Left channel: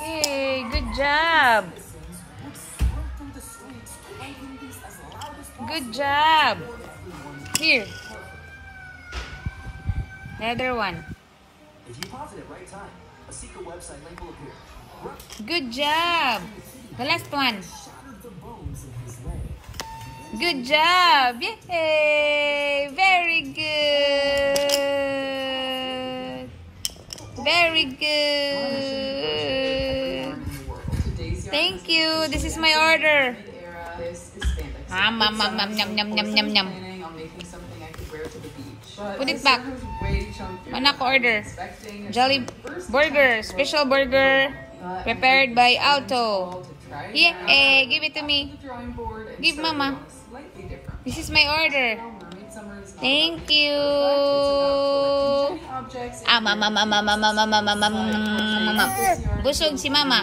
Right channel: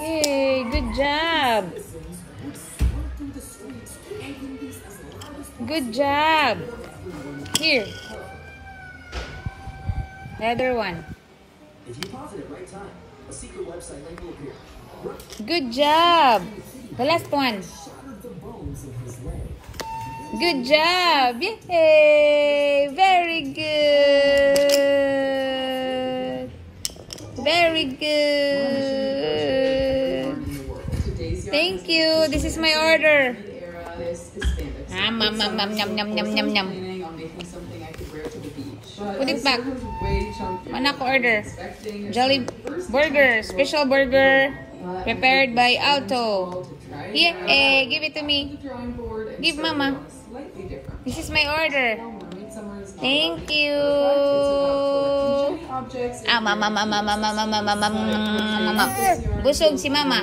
Yay, good job. Good job. Here. The other one. If you pause it at right time, a secret website link will appear. Good job. The last one. Good job. Yay. Very good. Very good. Thank you. This is my order. Yum, yum, yum, yum, yum, yum, yum. Put it back. Anak order. Jolly burger. Special burger. Prepared by Auto. Yay. Give it to me. Give mama. This is my order. Thank you. Mama. Busog si mama.